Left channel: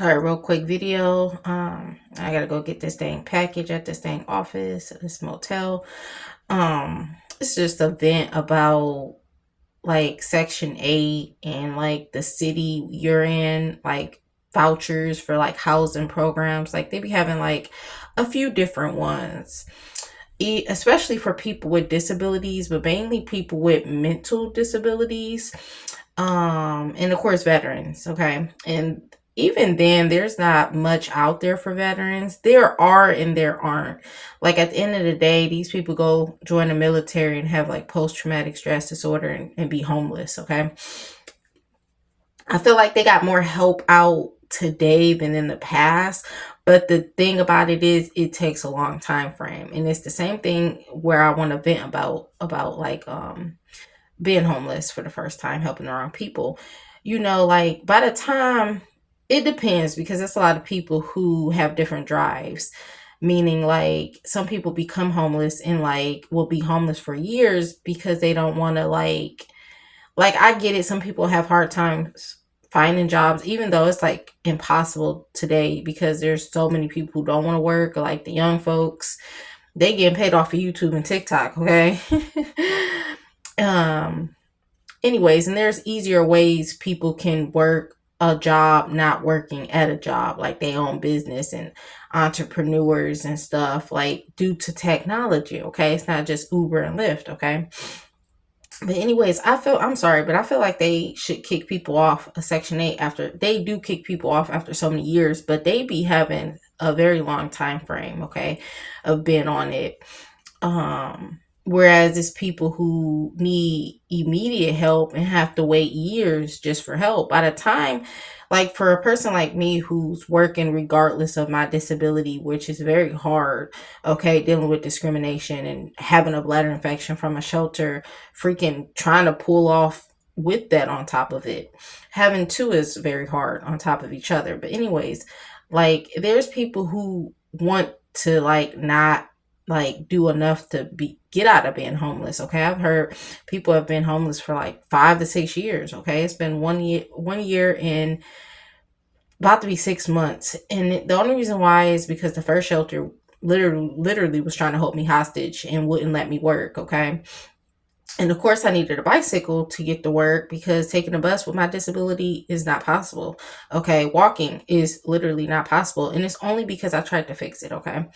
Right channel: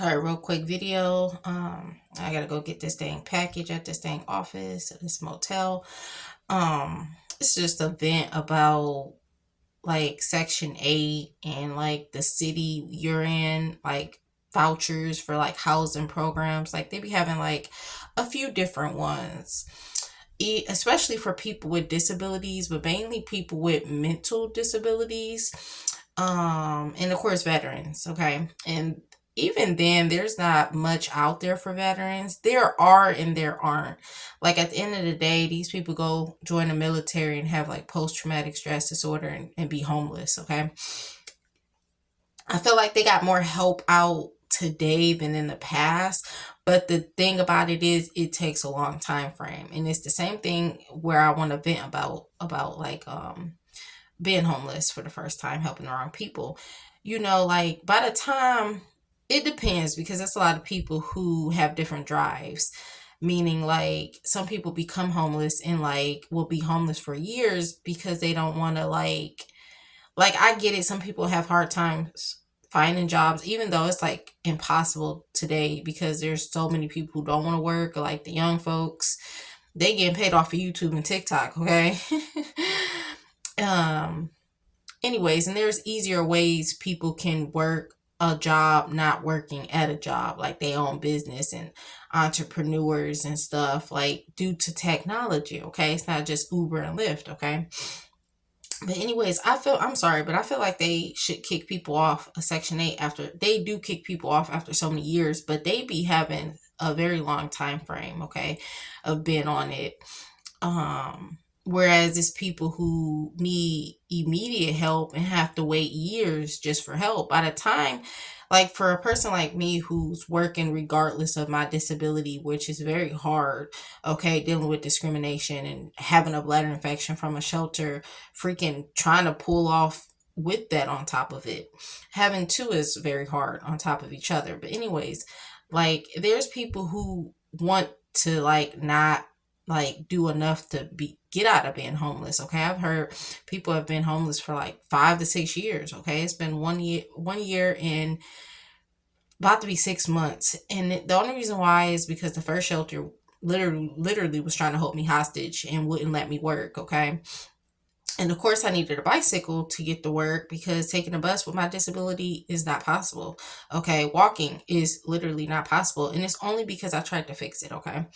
All right, real quick video. I gotta go get this dang package at this dang office, this motel. It's just a vent about like Section 8 and like the city you're in, like vouchers for like housing programs. Like they be having like a few different ones. Especially for people with disabilities, but mainly people with mental disabilities, and of course veterans. Okay, and even then there's not much out there for veterans. There are and there aren't. Like at the end of the day, these people go join the military and have like post-traumatic stress disorder and be homeless. Okay, I feel like they got more help out today than in the past. But the thing about it is it takes a long time frame. And it's the same thing where I want to vent about like being homeless for the first time, helping the wrong people. Like by the time, it depends because there's a lot of people who have different drives. Meaning like some people become homeless and like will be homeless for years because they don't want to like I get it, some people have hard times finding jobs, even though it's like impossible today because there's so many people who don't want to work, like the young folks. They getting paid off of YouTube and TikTok, okay? um Anyways, and there's easier ways people can work a job not working at a job, like they own business and entrepreneurs and stuff, like due to technology, okay? It's not just Uber and Lyft, okay? But anyways, I'm sorry, but I feel like they should kick people off a Section 8 after they do kick people off after so many years, but they be having a very long time frame, okay, of being on it. Whereas it's people who need immediate help and have to wait years just for help. By the time, like for a person like me who's working regardless of my disability, which is very hard, okay, dealing with discrimination and having a bladder infection from a shelter, freaking trying to pull off with that on top of it. Having two is very hard on top of each other. But anyways, like there's people who want to like not like do enough to be get out of being homeless. Okay, I've heard people have been homeless for like 5 to 6 years. Okay, it's been 1 year and about to be 6 months, and the only reason why is because the first shelter literally was trying to hold me hostage and wouldn't let me work. Okay, and of course, I needed a bicycle to get to work because taking a bus with my disability is not possible. Okay, walking is literally not possible, and it's only because I tried to fix it. Okay,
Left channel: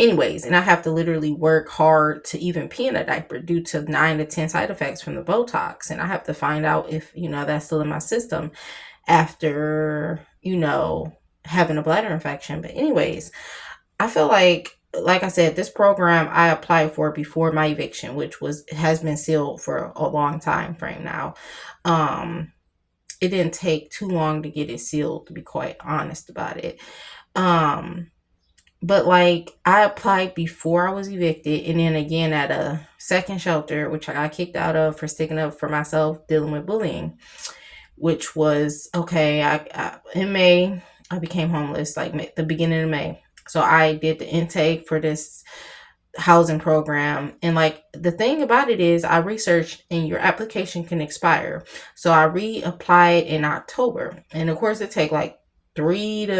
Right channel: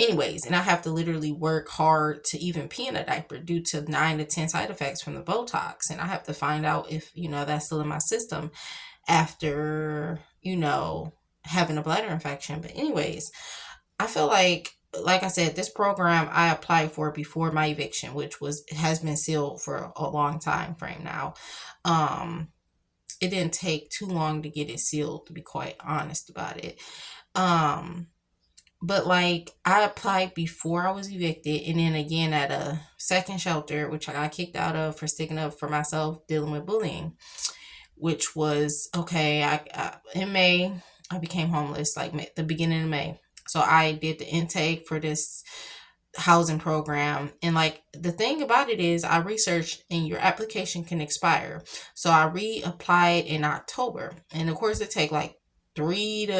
anyways, and I have to literally work hard to even pee in a diaper due to 9 to 10 side effects from the Botox. And I have to find out if, that's still in my system after, having a bladder infection. But, anyways, I feel like I said, this program I applied for before my eviction, which has been sealed for a long time frame now. It didn't take too long to get it sealed, to be quite honest about it. Um, but like I applied before I was evicted, and then again at a second shelter, which I got kicked out of for sticking up for myself, dealing with bullying, which was okay. In May I became homeless, like the beginning of May. So I did the intake for this housing program, and like the thing about it is I researched and your application can expire. So I reapplied in October, and of course it take like 3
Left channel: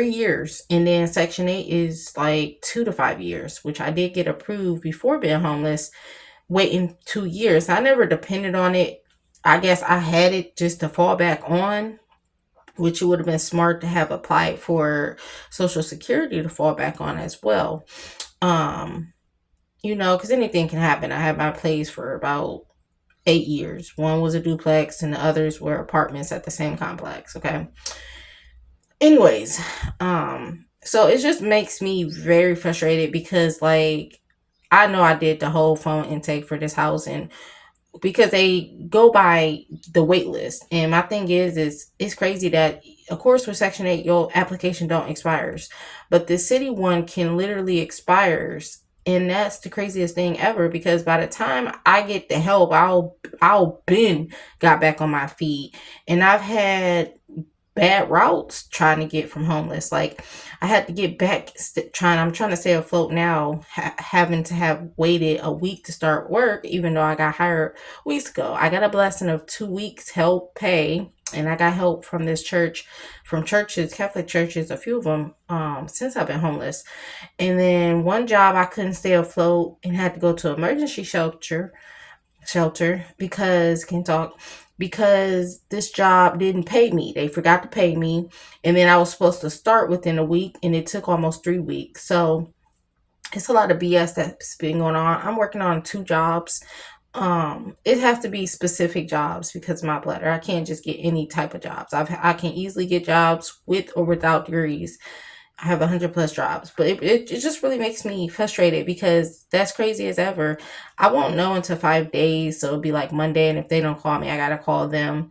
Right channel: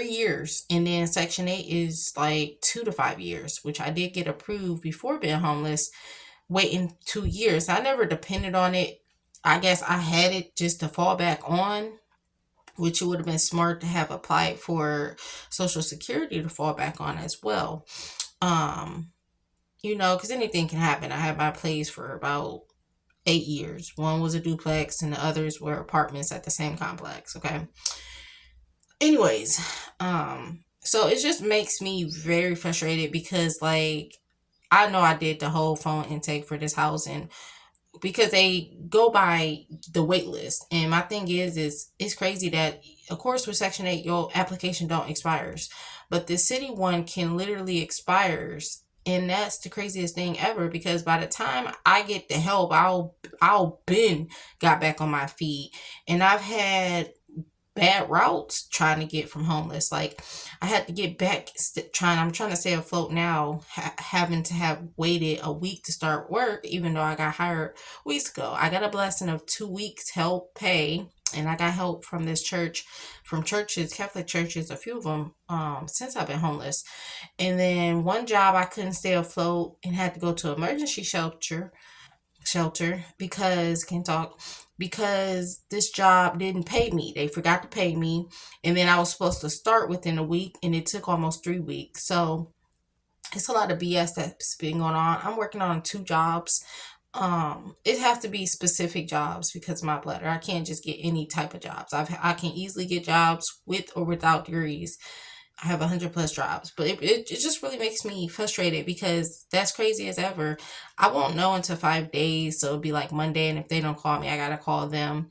years, and then Section 8 is like 2 to 5 years, which I did get approved before being homeless, waiting 2 years. I never depended on it. I guess I had it just to fall back on, which it would have been smart to have applied for Social Security to fall back on as well. Um, because anything can happen. I had my place for about 8 years. One was a duplex, and the others were apartments at the same complex. Okay. Anyways, so it just makes me very frustrated because like I know I did the whole phone intake for this housing because they go by the wait list. And my thing is it's crazy that of course with Section 8 your application don't expires, but the city one can literally expires. And that's the craziest thing ever because by the time I get the help, I'll been got back on my feet. And I've had bad routes trying to get from homeless. Like I had to get back I'm trying to stay afloat now, having to have waited a week to start work, even though I got hired weeks ago. I got a blessing of 2 weeks help pay And I got help from this church, from churches, Catholic churches, a few of them, since I've been homeless. And then one job I couldn't stay afloat and had to go to emergency shelter because can talk because this job didn't pay me. They forgot to pay me, and then I was supposed to start within a week, and it took almost 3 weeks. So it's a lot of BS that's been going on. I'm working on 2 jobs. It have to be specific jobs because of my bladder. I can't just get any type of jobs. I can easily get jobs with or without degrees. I have 100 plus jobs, but it just really makes me frustrated because that's crazy as ever. I won't know until 5 days, so it'll be like Monday, and if they don't call me, I gotta call them.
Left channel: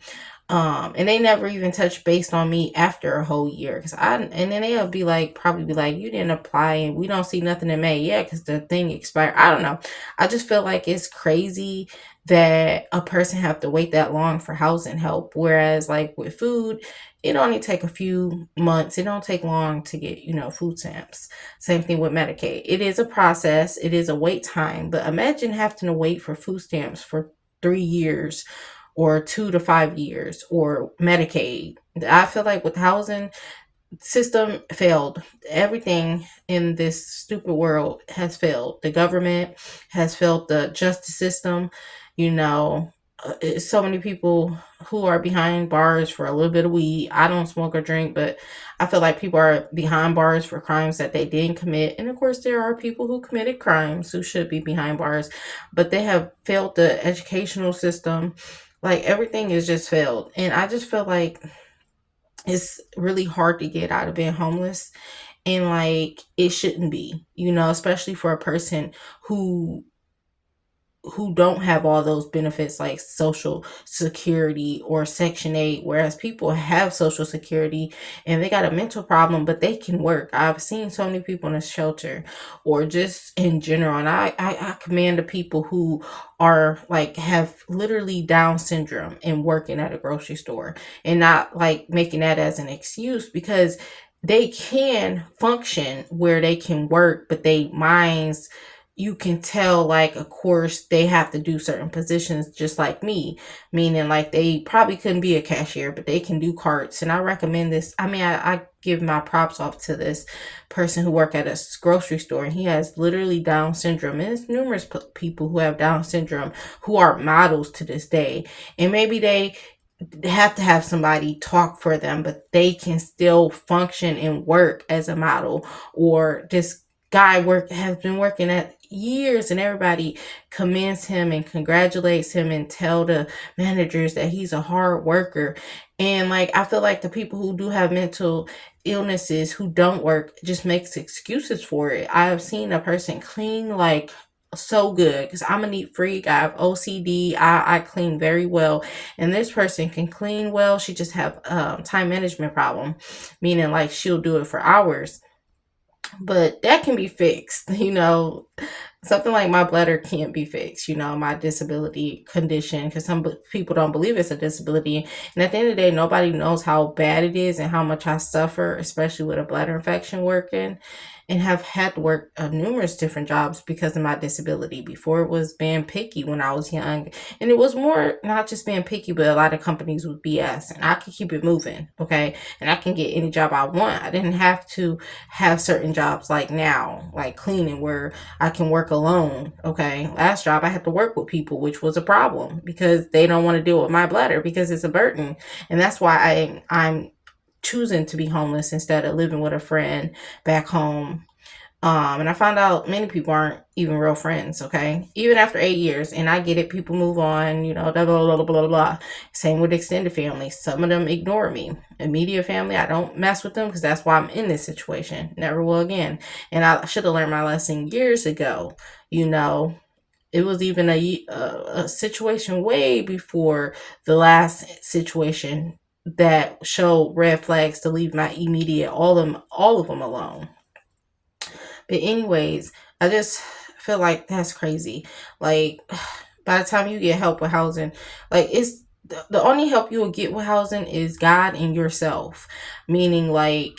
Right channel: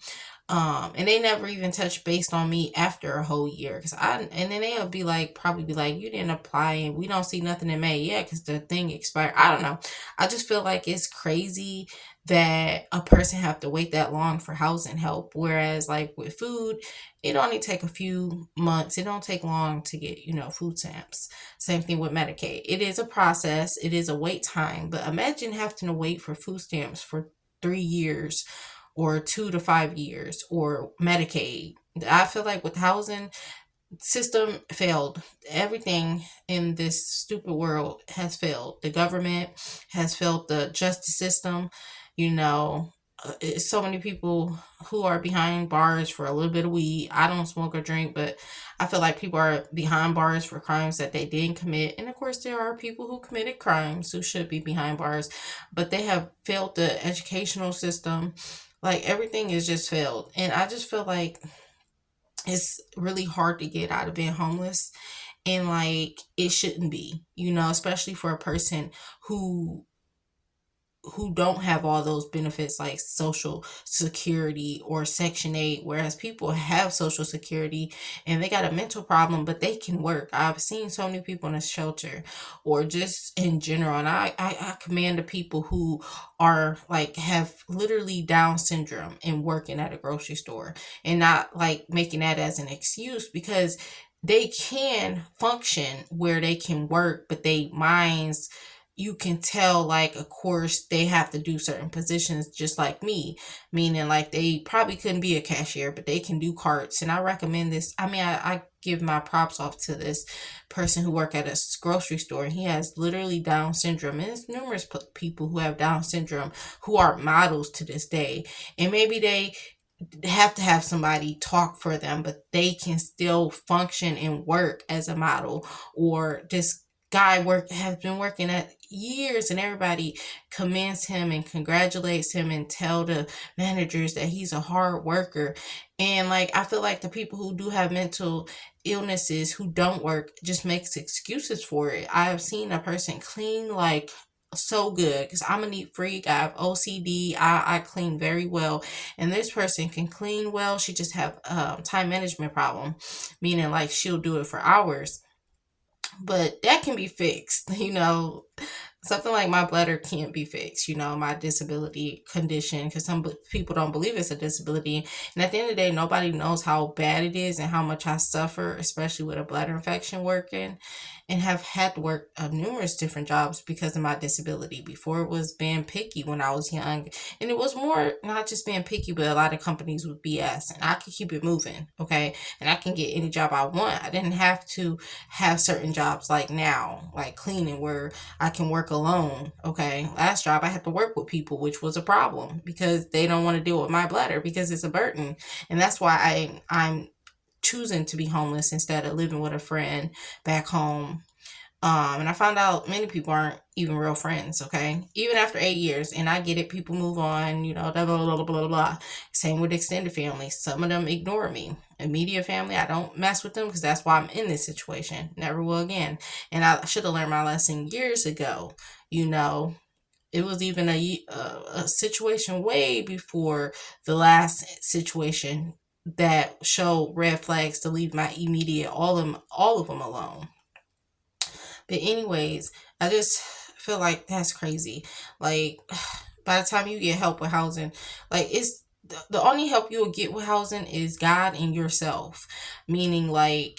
And they never even touch based on me after a whole year, and then they'll be like, probably be like, you didn't apply, and we don't see nothing in May. Yeah, because the thing expired. I don't know. I just feel like it's crazy that a person have to wait that long for housing help, whereas like with food, it only take a few months. It don't take long to get, food stamps. Same thing with Medicaid. It is a process. It is a wait time. But imagine having to wait for food stamps for 3 years or 2 to 5 years or Medicaid. I feel like with the housing system failed. Everything in this stupid world has failed. The government has failed, the justice system, you know. So many people who are behind bars for a little bit of weed. I don't smoke or drink, but I feel like people are behind bars for crimes that they didn't commit. And of course, there are people who committed crimes who should be behind bars, but they have failed the educational system. Like everything is just failed. And I just feel like it's really hard to get out of being homeless, and like it shouldn't be, especially for a person who don't have all those benefits like social security or section 8, whereas people have social security and they got a mental problem but they can work. I've seen so many people in a shelter or just in general, and I commend the people who are like have literally Down syndrome and working at a grocery store, and not like making that as an excuse, because they can function where they can work, but they minds, you can tell, like, of course they have to do certain positions just like me, meaning like they probably couldn't be a cashier but they can do carts. And I recommend this. I mean, I give my props off to this person who work at a grocery store, and he has literally Down syndrome, and there's numerous people who have Down syndrome who are models to this day. And maybe they have to have somebody talk for them, but they can still function and work as a model. Or this guy has been working at years, and everybody commends him and congratulates him and tell the managers that he's a hard worker. And like I feel like the people who do have mental illnesses who don't work just makes excuses for it. I've seen a person clean like so good because I'm a neat freak. I have OCD. I clean very well, and this person can clean well. She just have time management problem, meaning like she'll do it for hours, but that can be fixed. Something like my bladder can't be fixed, my disability condition, because some people don't believe it's a disability. And at the end of the day, nobody knows how bad it is and how much I suffer, especially with a bladder infection working, and have had to work numerous different jobs because of my disability. Before, it was being picky when I was young, and it was more not just being picky, but a lot of companies would BS, and I could keep it moving, okay? And I can get any job I want. I didn't have to have certain jobs like now, like cleaning, where I can work alone. Okay. Last job I had to work with people, which was a problem because they don't want to deal with my bladder because it's a burden. And that's why I'm choosing to be homeless instead of living with a friend back home. And I found out many people aren't even real friends, okay? Even after 8 years. And I get it, people move on, blah, blah, blah, blah, blah, blah. Same with extended family. Some of them ignore me. Immediate family, I don't mess with them because that's why I'm in this situation. Never will again. And I should have learned my lesson years ago. It was even a situation way before the last situation that showed red flags to leave my immediate, all of them alone. But anyways, I just feel like that's crazy. Like by the time you get help with housing, like it's the only help you will get with housing is God and yourself. Meaning like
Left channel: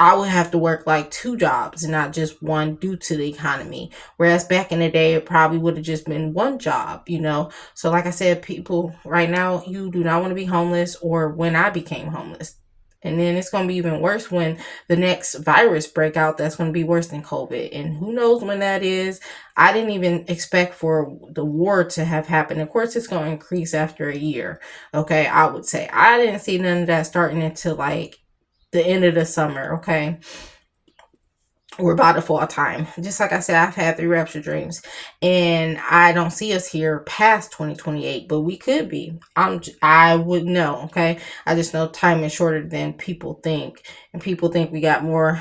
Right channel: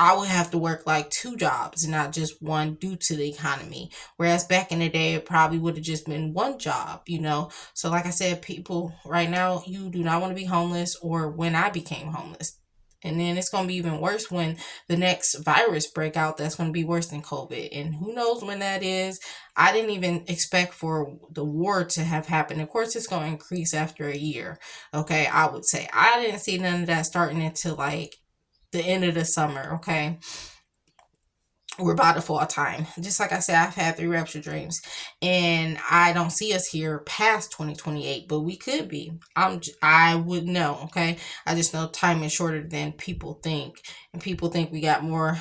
I would have to work like two jobs and not just one due to the economy. Whereas back in the day, it probably would have just been one job, you know? So, like I said, people right now, you do not want to be homeless, or when I became homeless. And then it's going to be even worse when the next virus break out. That's going to be worse than COVID. And who knows when that is. I didn't even expect for the war to have happened. Of course, it's going to increase after a year. Okay, I would say. I didn't see none of that starting until like the end of the summer. Okay, we're about to fall time. Just like I said, I've had three rapture dreams, and I don't see us here past 2028, but we could be. I would know. Okay, I just know time is shorter than people think, and people think we got more.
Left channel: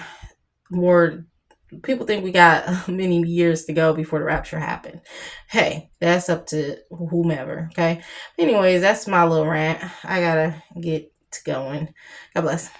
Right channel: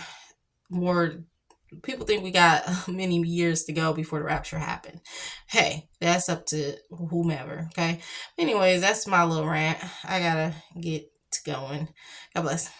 People think we got many years to go before the rapture happened. Hey, that's up to whomever. Okay. Anyways, that's my little rant. I gotta get to going. God bless.